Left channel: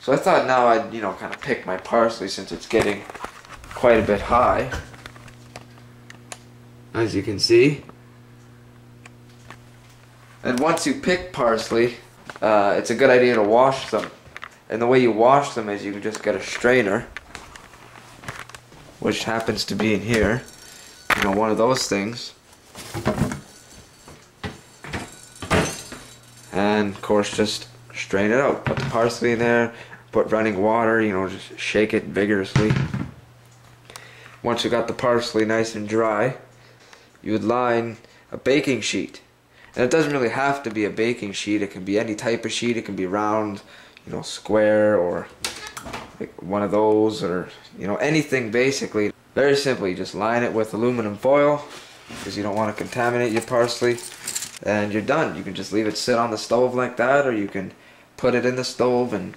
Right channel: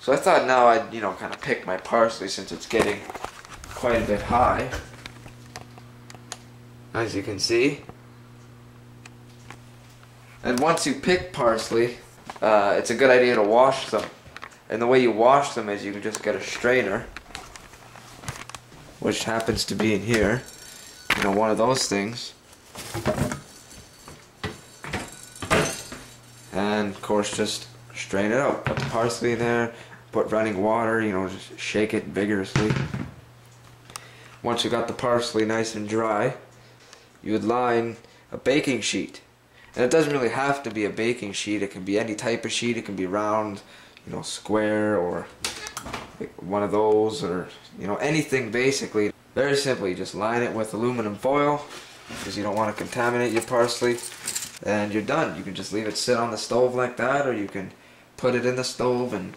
So I thought now I'd, kind of pick my parsley since it's getting quite a bit high. As you can see. And once you pick parsley, it's a good idea to wash them. And the way you wash them is you can just get a strainer, which happens to be in here. One of those things. And of course just strain it out. Put the parsley in there, put running water, just shake it vigorously. Once you got the parsley nice and dry, you would line a baking sheet. And it doesn't really have to be a baking sheet, it can be any type of sheet, it can be round, square, or like one of those, or anything basically. Very simply, just line it with aluminum foil, because you don't want to contaminate your parsley, and you're done. You can just leave it sit on the stove like that, or you can put it in the stove and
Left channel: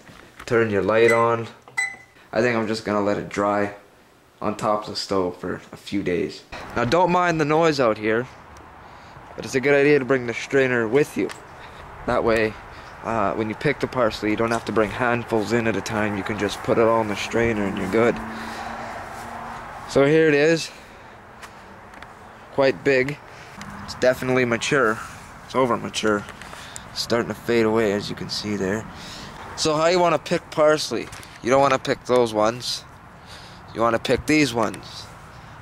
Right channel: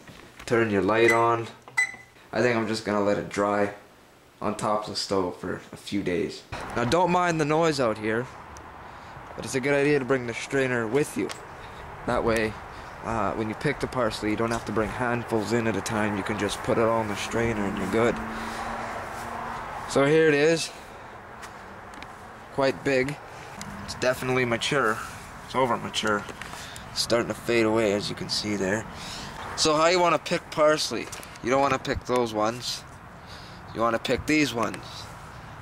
turn your light on. I think I'm just going to let it dry on top of the stove for a few days. Now don't mind the noise out here, but it's a good idea to bring the strainer with you. That way, when you pick the parsley, you don't have to bring handfuls in at a time. You can just put it all in the strainer and you're good. So here it is. Quite big. It's definitely mature. It's over mature. It's starting to fade away, as you can see there. So how you want to pick parsley? You don't want to pick those ones. You want to pick these ones.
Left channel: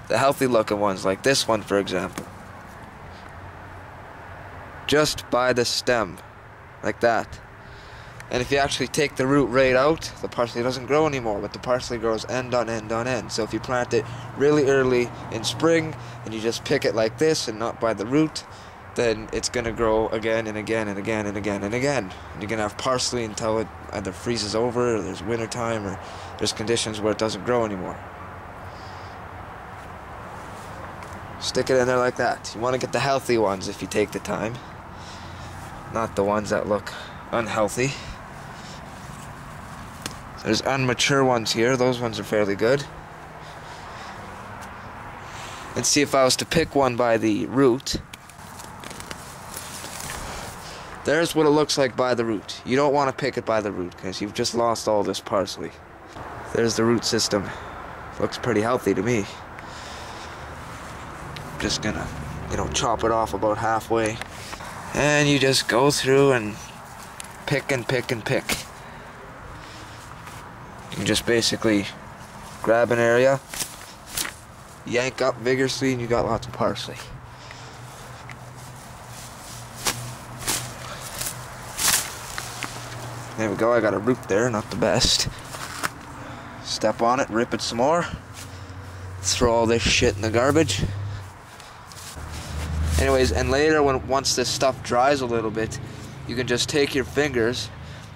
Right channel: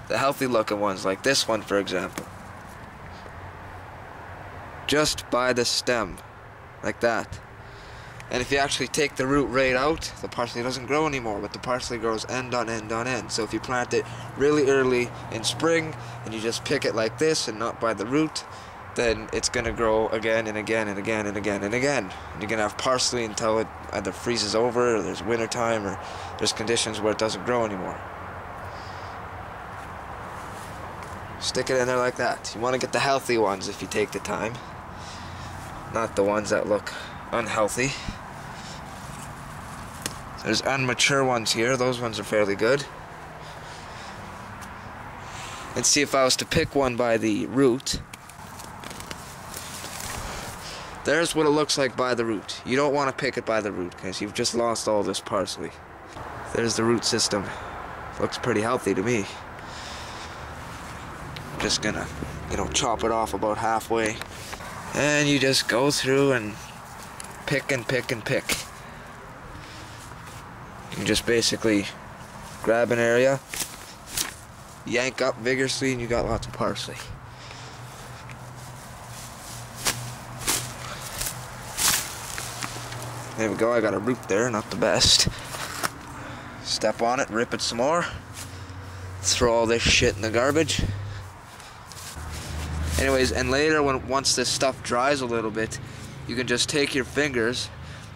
The healthy looking ones, like this one for example. Just by the stem. Like that. And if you actually take the root right out, the parsley doesn't grow anymore, but the parsley grows end on end on end. So if you plant it really early in spring, and you just pick it like this and not by the root, then it's going to grow again and again and again and again and again. And you're going to have parsley until it either freezes over, or there's winter time, or there's conditions where it doesn't grow anymore. Stick it in there like that. You want to get the healthy ones if you take the time, not the ones that look unhealthy. There's unmature ones here. Those ones are fairly good. Let's see if I was to pick one by the root. There's what it looks like by the root. You don't want to pick it by the root because you've just lost all this parsley. There's the root system. Looks pretty healthy to me. Just gonna, chop it off about halfway. And you just go through and pick and pick and pick. You can just basically grab an area, yank up vigorously, and you got lots of parsley. There we go, I got a root there, not the best. Step on it, rip it some more. Throw all this shit in the garbage. Anyways, and later, once this stuff dries a little bit, you can just take your fingers,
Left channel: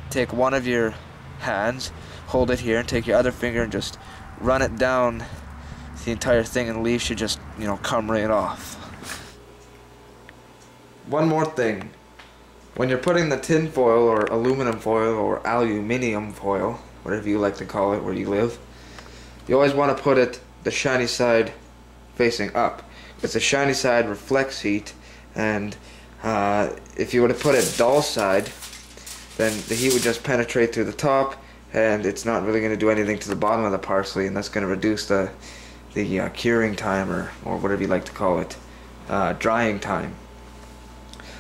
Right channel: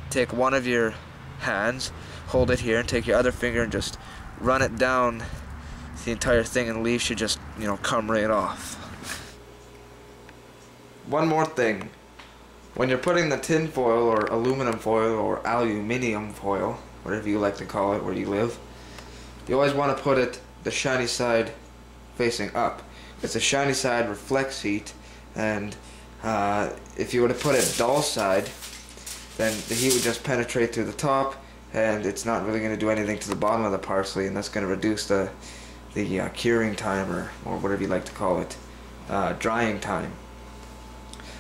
take one of your hands, hold it here, and take your other finger and just run it down the entire thing, and the leaves should just, come right off. One more thing. When you're putting the tin foil, or aluminum foil, or aluminium foil, whatever you like to call it where you live, you always want to put it the shiny side facing up. Because the shiny side reflects heat, and if you were to put it dull side, then the heat would just penetrate through the top, and it's not really going to do anything to the bottom of the parsley, and that's going to reduce the curing time, or whatever you like to call it, drying time.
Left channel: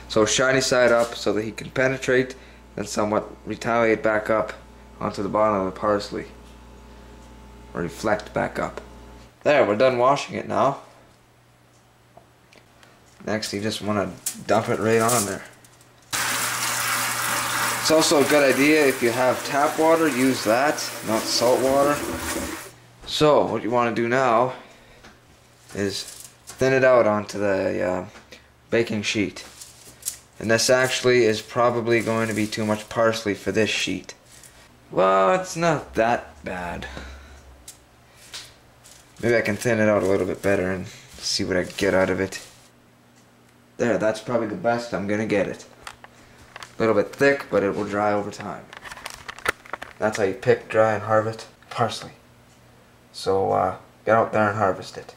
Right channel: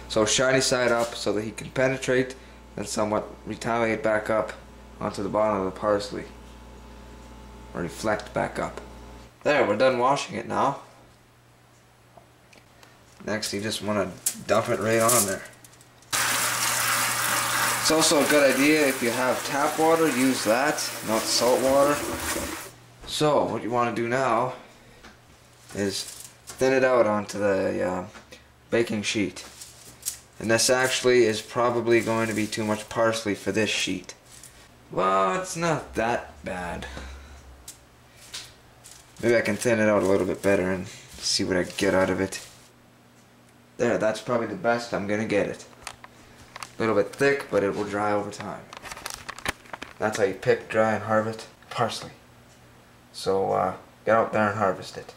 So shiny side up so that he can penetrate and somewhat retaliate back up onto the bottom of the parsley, or reflect back up. There, we're done washing it now. Next, you just want to dump it right on there. It's also a good idea if you have tap water, use that, not salt water. So, what you want to do now is thin it out onto the baking sheet. And this actually is probably going to be too much parsley for this sheet. Well, it's not that bad. Maybe I can thin it out a little bit better and see what I get out of it. There, that's probably the best I'm gonna get it. A little bit thick, but it will dry over time. That's how you pick, dry, and harvest parsley. So, get out there and harvest it.